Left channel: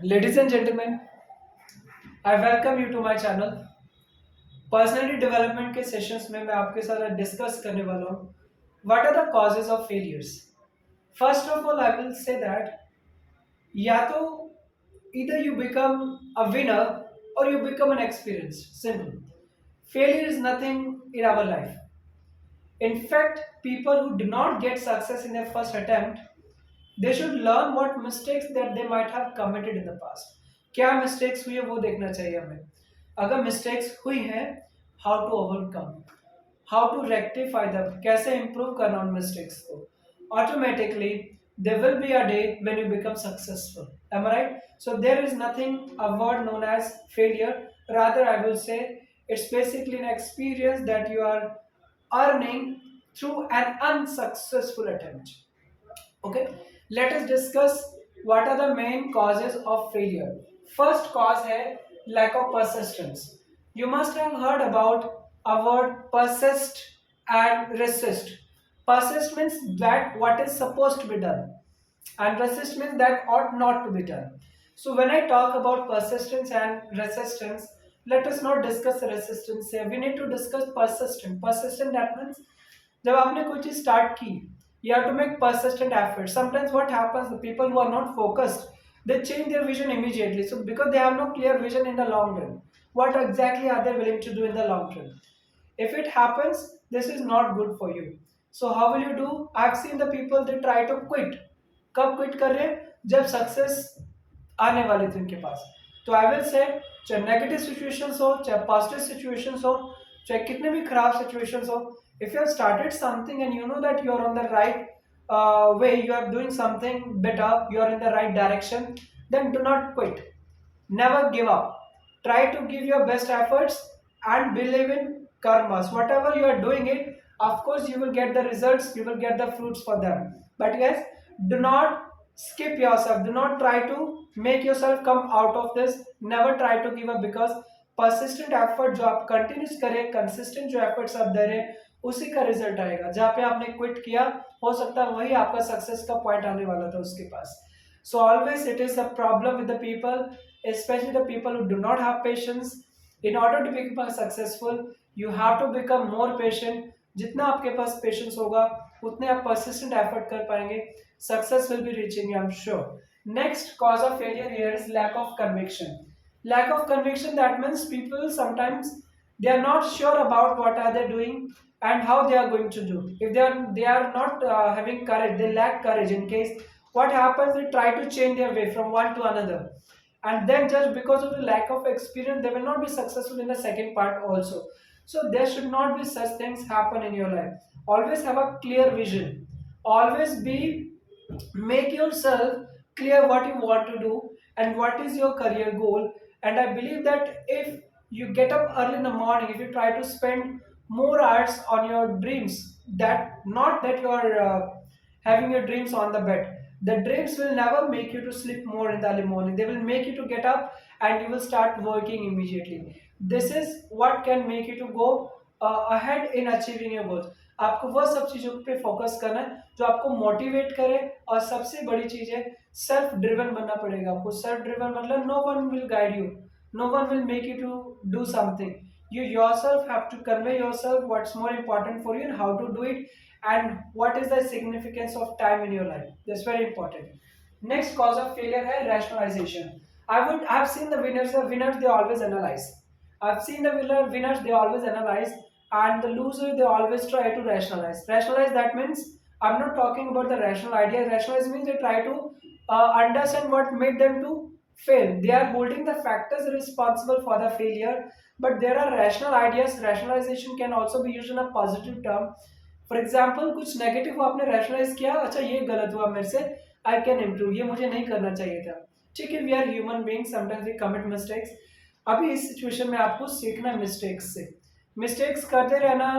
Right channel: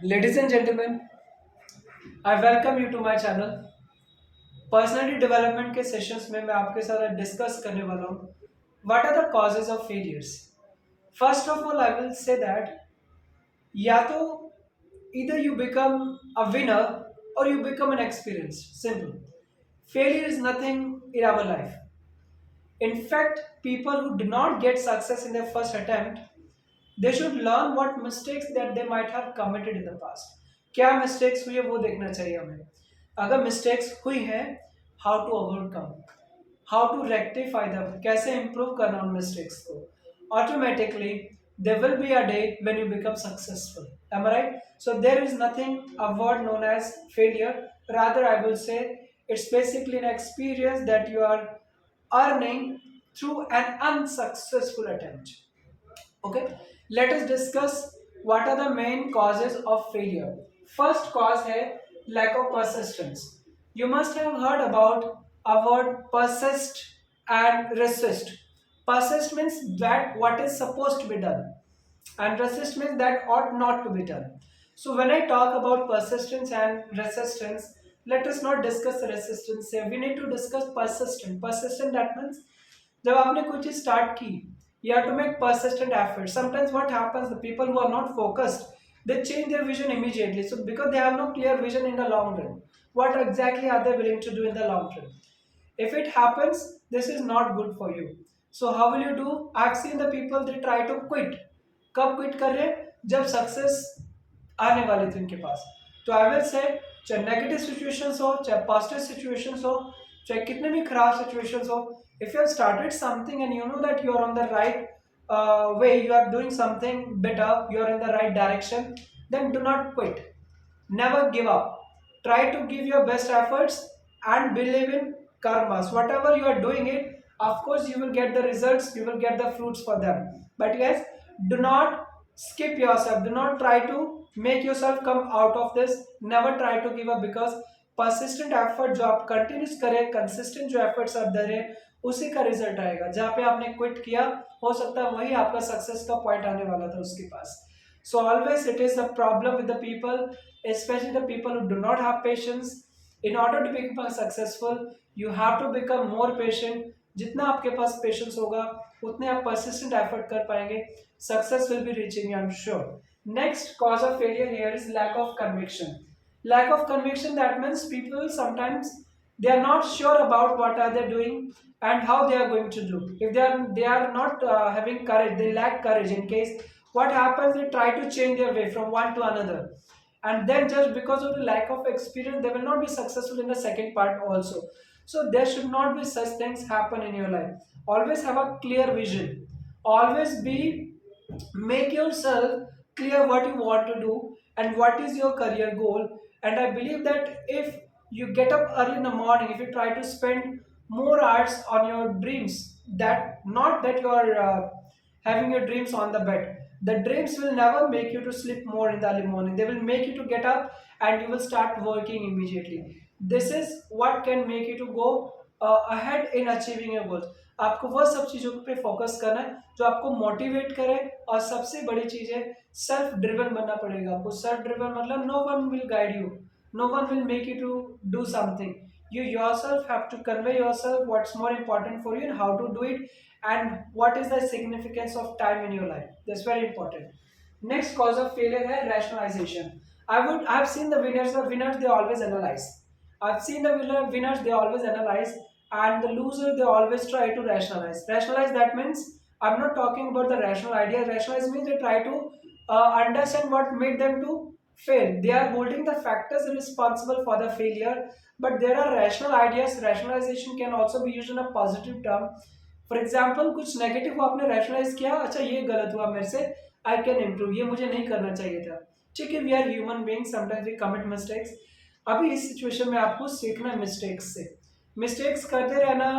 Ladies and gentlemen, I welcome you to my channel. Personality development के sessions में मैं आपके साथ डिस्कस करने वाला हूँ what are the causes of failures. First of all I will say that या तो either you become a winner or you become an experienced. Simple. Failure is nothing in our life. In fact, people who do not get success in their first attempt, they should learn what mistakes that they might have committed in the past. क्या mistakes हुई है वो देखना चाहिए हमें. अगर mistakes हुई हैं, how to overcome, how to rectify them, कैसे improve करना उन mistakes को. Automatically, there will be a day when you become successful. Am I right? So there is nothing a word known as failure. Rather, I will say it's basically an experience that you are earning through an unsuccessful attempt. Okay, let us discuss what are the main causes of failure. First cause है lack of persistence. You must have heard about a word persist and resist. Persist means that what is supposed to be done, and resist means that ought not to be done. So when I talk about persistence and resistance, let us not discuss resistance here. We need to discuss persistent. Persistent that means जब आपने कोई चीज start की, you have to make persistent effort. Sometimes what happens, the people who are not focused, they change their vision immediately. So because they have no clear vision in the long run, what exactly are they willing to do in the long run? If it happens, this is not good for you. So how will you do? I've seen the people, they try to quit. कब quit कर रहे हैं? जब success आने वाले थे उनके पास. तो आई विल से चाहे नेगेटिव सिचुएशंस हो, चाहे पॉजिटिव सिचुएशंस हो, चाहे कितने भी खराब सिचुएशंस हो, if you have started something and you know that you are on the right way, you are doing something better, you are in the right direction, then do not quit. Never give up. Try to give your best efforts and believe in karmas. Whatever you are doing it, of course you will get the results, you will get the fruits for them. But yes, do not skip yourself. Do not try to make yourself come out of this. Never try to give up, because persistent effort जो आप continuous करें, consistent जो efforts आप दे रहे हैं, उसी का result आएगा. जहाँ पे आपने क्विट किया, हो सकता है वही आपका सक्सेस का पॉइंट आने वाला था उसके पास. So always it is a problem with the people, especially the people who do not have patience. In order to become successful, you have to become more patient. जितना आपके पास पेशेंस होगा, उतने आप persistent effort कर पाएंगे. Success will be reaching you, I'm sure. Next cause of failure here is lack of conviction. Lack of conviction, that means people sometimes they are not sure about what are they doing and how they are going to do. If they are not having courage, they lack courage. In case what happens, they try to change their way from one to another, and then just because of the lack of experience, they will not be successful in the second part also. So there should not be such things happen in your life. Always have a clear vision. Always be, make yourself clear what you want to do and what is your career goal. And I believe that if you get up early in the morning, if you try to spend more hours on your dreams, that not that you are having your dreams on the bed, the dreams will never make you to sleep more in the early morning. They will make you to get up and you will start working immediately. This is what can make you to go ahead in achieving your goals. आपको वह सब चीज़ों पे focus करना है जो आपको motivate करे. और सबसे बड़ी चीज़ है, सेल्फ ड्रिवन बनना पड़ेगा आपको. सेल्फ ड्रिवन मतलब no one will guide you, no one will make you to do something. You yourself have to convey yourself what's more important for you and how to do it, and what is the significance of time in your life. That's very important. Next cause of failure है rationalization. I've seen the winners they always analyze. I've seen the winners they always analyze, and the loser they always try to rationalize. Rationalize, that means I'm not talking about the rational idea. Rationalize means they try to understand what made them to fail. They are holding the factors responsible for the failure, but there are rational ideas. Rationalization can also be used in a positive term. For example कुछ negative आपने rationalise किया, अच्छा ये गलत हुआ मेरे से, I can improve, ये मुझे नहीं करना चाहिए था. ठीक है, we are human being, sometimes we commit mistakes. अभी इस सिचुएशन में आपको सीखना है मिस्टेक्स से. मिस्टेक्स करते रहना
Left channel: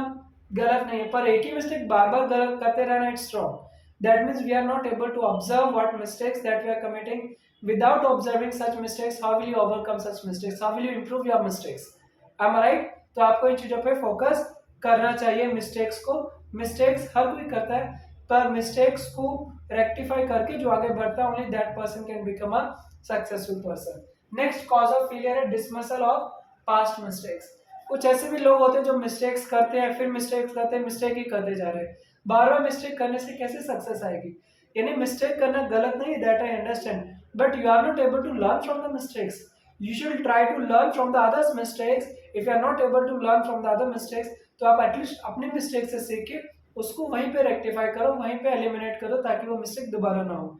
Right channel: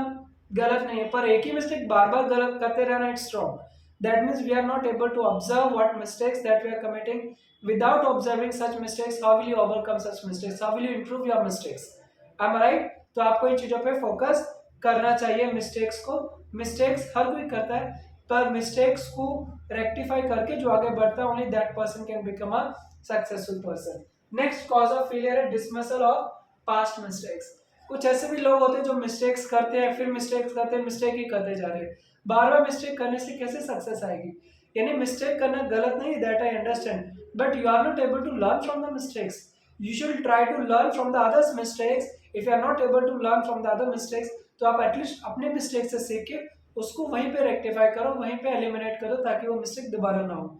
गलत नहीं है, पर एक ही मिस्टेक बार बार गलत करते रहना, it's wrong. That means we are not able to observe what mistakes that we are committing. Without observing such mistakes, how will you overcome such mistakes, how will you improve your mistakes. Am I right? तो आपको इन चीज़ों पे focus करना चाहिए. Mistakes को, mistakes हर कोई करता है, पर मिस्टेक्स को रेक्टिफाई करके जो आगे बढ़ता है, only that person can become a successful person. Next cause of failure है डिसमिसल ऑफ पास्ट मिस्टेक्स। कुछ ऐसे भी लोग होते हैं जो मिस्टेक्स करते हैं, फिर मिस्टेक्स करते हैं, मिस्टेक ही करते जा रहे हैं। बार बार मिस्टेक करने से कैसे सक्सेस आएगी? यानी मिस्टेक करना गलत नहीं, that I understand, but you are not able to learn from the mistakes. You should try to learn from the others mistakes. If you are not able to learn from the other mistakes, तो आप at least अपने mistake से सीख के उसको वहीं पे rectify करो, वहीं पे एलिमिनेट करो, ताकि वो मिस्टेक दोबारा ना हो।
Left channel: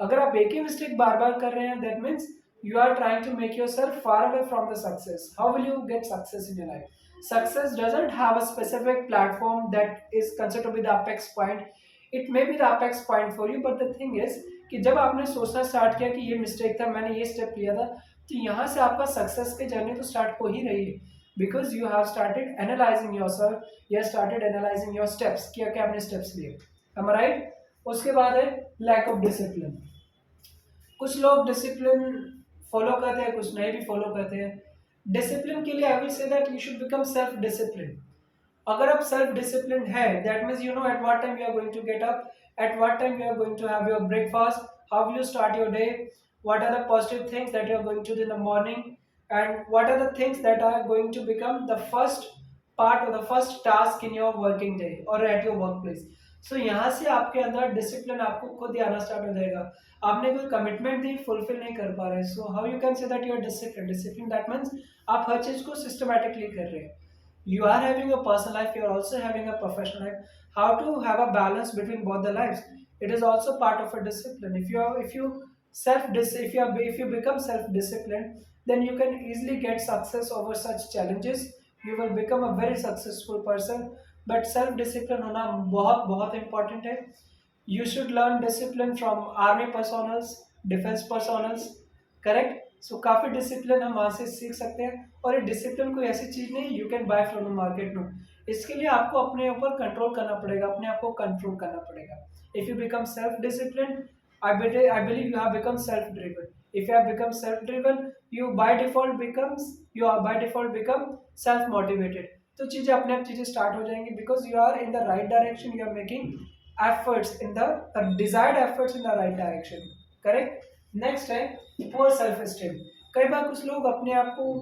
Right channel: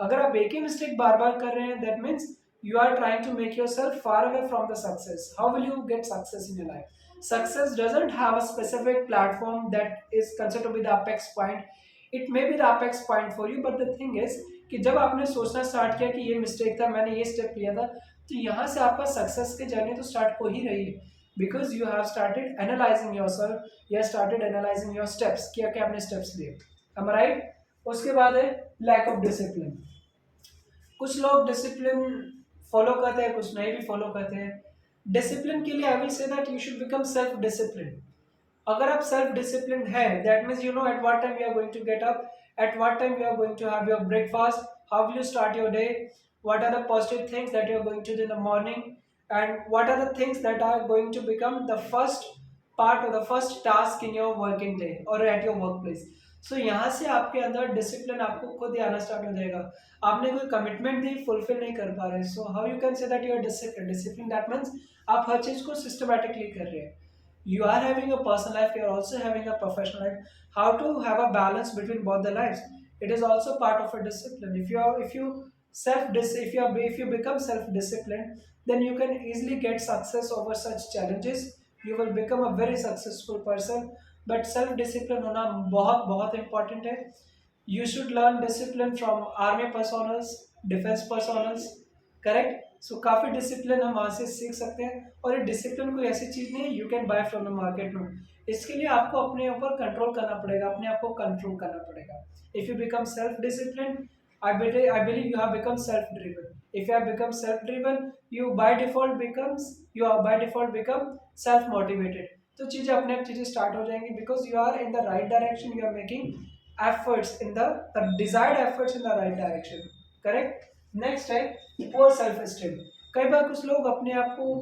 अगर आप एक ही मिस्टेक बार बार कर रहे हैं, that means you are trying to make yourself far away from the success. How will you get success in your life? Success doesn't have a specific platform that is considered to be the apex point. It may be the apex point for you, but the thing is कि जब आपने सोचना start किया कि ये mistake था, मैंने ये स्टेप लिया था, तो यहाँ से आपका सक्सेस की जर्नी तो स्टार्ट हो ही रही है, because you have started analysing yourself, you have started analysing your steps, क्या क्या आपने स्टेप्स लिए। am I right? उसके बाद है लैक ऑफ डिसिप्लिन। कुछ लोग डिसिप्लिन फॉलो करते हैं, कुछ नहीं भी फॉलो करते हैं। डिसिप्लिन के लिए I will say that you should become self discipline. अगर आप सेल्फ डिसिप्लिन है, that means you know at what time you are going to get up, at what time you are going to have your breakfast, how will you start your day, what are the positive things that you are going to do in the morning, and what are the things that are going to become the first part or the first task in your working day or at your workplace. So यहाँ से आपके अंदर discipline आपको खुद ही आना start हो जाएगा। आपने कोई कमिटमेंट दी, फुलफिल नहीं कर पा रहे, so how you can say that you are discipline. Discipline that means आप हर चीज़ को सिस्टमैटिकली कर रहे हैं। You are having a personal life, you are also having a professional life. How to have a balance between both the lives, it is also part of a discipline. If you become self disciplined, then you can easily get success over such challenges. You will become a very successful person. But self discipline होना बहुत बहुत important है। You should learn discipline from army personals, defense personals, correct. So काफ़ी discipline हम वहाँ से सीख सकते हैं, और ये डिसिप्लिन कोई ऐसी चीज़ नहीं you can buy from the market. No, इसके लिए आपको अपने ऊपर कंट्रोल करना पड़ेगा, अपने आप को कंट्रोल करना पड़ेगा। If you become self discipline, I believe you have become self driven. If you have become self driven, you are by default become self motivated. तो चीज़ें अपने आप चीज़ें स्टार्ट हो जाएंगी, because you are in the right direction, you are making efforts in the desired efforts in the right direction, correct. Next है poor self esteem. कई बार कुछ लोग अपने आप को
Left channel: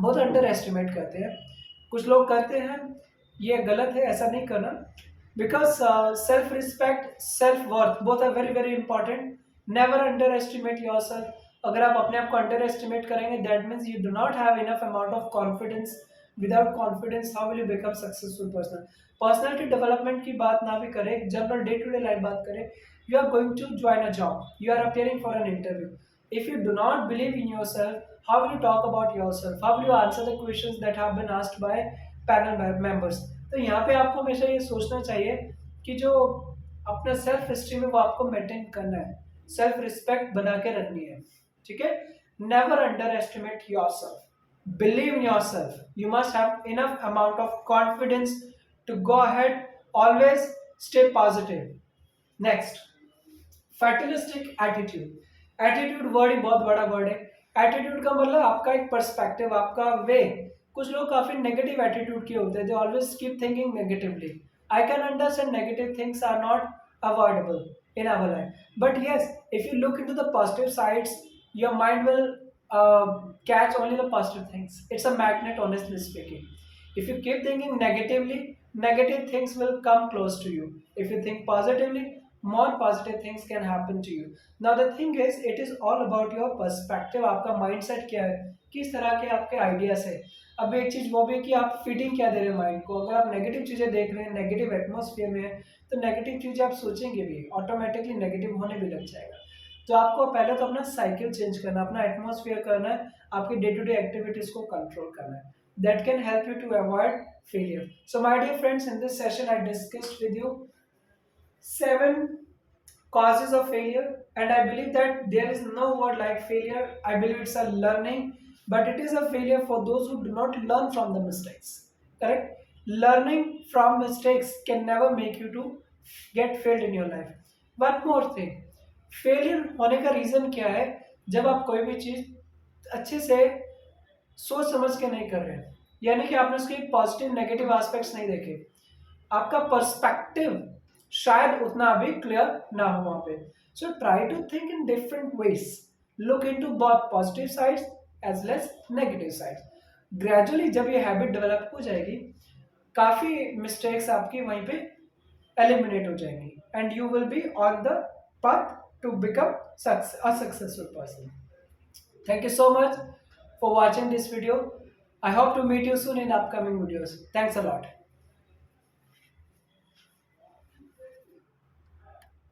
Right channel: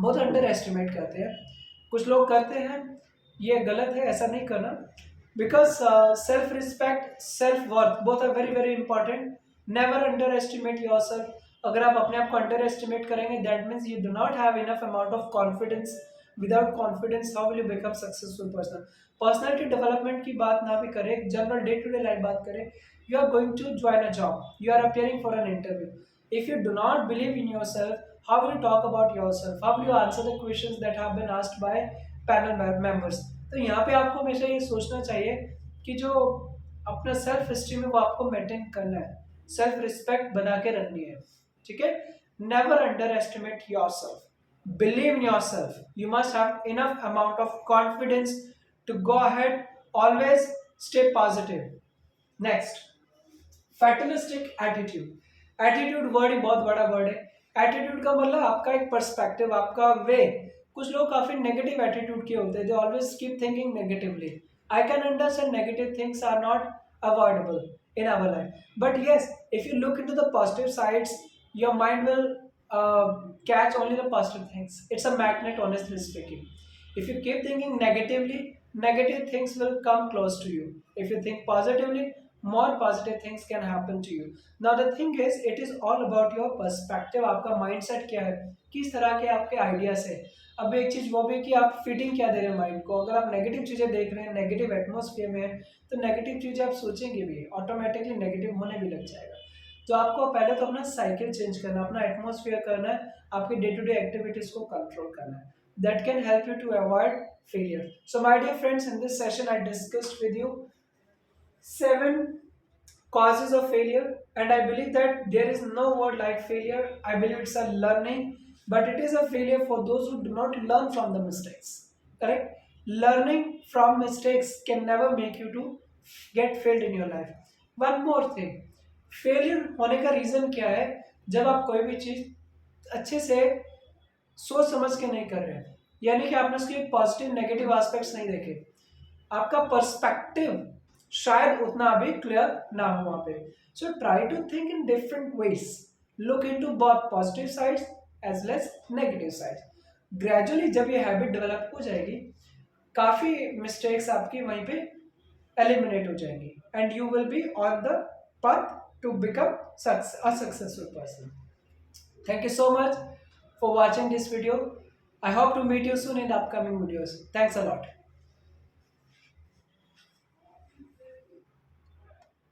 बहुत अंडर एस्टिमेट करते हैं। कुछ लोग करते हैं, ये गलत है, ऐसा नहीं करना, because self respect, self worth both are very very important. Never underestimate yourself. अगर आप अपने आप को अंडर एस्टिमेट करेंगे, that means you do not have enough amount of confidence. Without confidence how will you become successful person. Personality development की बात ना भी करें, general day to day life बात करें, you are going to join a job, you are appearing for an interview. If you do not believe in yourself, how will you talk about yourself, how will you answer the questions that have been asked by panel members? तो यहाँ पे आपको हमेशा ये सोचना चाहिए कि जो अपना सेल्फ एस्टीम है वो आपको मेंटेन करना है, सेल्फ रिस्पेक्ट बना के रखनी है, ठीक है। Never underestimate yourself, believe in yourself, you must have enough amount of confidence to go ahead, always stay positive. Next, fatalistic attitude. Attitude word ही बहुत बड़ा वर्ड है। एटीट्यूड का मतलब आपका एक पर्सपेक्टिव, आपका वे। कुछ लोग काफी नेगेटिव एटीट्यूड के होते हैं, they always keep thinking negatively. I can understand negative things are not avoidable in our life, but yes, if you look into the positive sides, your mind will catch only the positive things. It's a magnet, honestly speaking. If you keep thinking negatively, negative things will come close to you. If you think positively, more positive things can happen to you. Now the thing is, it is all about your perspective. आपका mindset क्या है, किस तरह के आपके ideas है। अब एक चीज़ वो भी कि आप फिटिंग क्या दे रहे हैं माइंड को। अगर आप नेगेटिव चीज़ें देख रहे हैं, नेगेटिव एटमॉस्फेयर में है, तो नेगेटिव चीज़ें आप सोचेंगे भी, ऑटोमेटिकली नेगेटिव होने भी लग जाएगा। तो आपको पहले तो अपना साइकिल चेंज करना, अपना एटमॉस्फेयर करना है, आपकी डे टू डे एक्टिविटीज़ को कंट्रोल करना है। That can help you to avoid failure. So my dear friends, in this session I discussed with you 7 causes of failure, and I believe that there is no word like failure. I believe it's a learning, but it is a failure for those who do not learn from the mistakes, correct? Learning from mistakes can never make you to get failed in your life. One more thing, failure होने का reason क्या है? जब आप कोई भी चीज़ अच्छे से सोच समझ के नहीं कर रहे हैं, यानी कि आपने उसके पॉजिटिव नेगेटिव एस्पेक्ट्स नहीं देखे, आपका पर्सपेक्टिव शायद उतना अभी क्लियर ना हो वहाँ पे. So try to think in different ways, look into both positive sides as well as negative sides. Gradually जब ये हैबिट डेवलप हो जाएगी, काफ़ी मिस्टेक्स आपकी वहीं पे एलिमिनेट हो जाएंगी and you will be on the path to become a successful person. Thank you so much for watching this video. I hope to meet you soon in upcoming videos. Thanks a lot.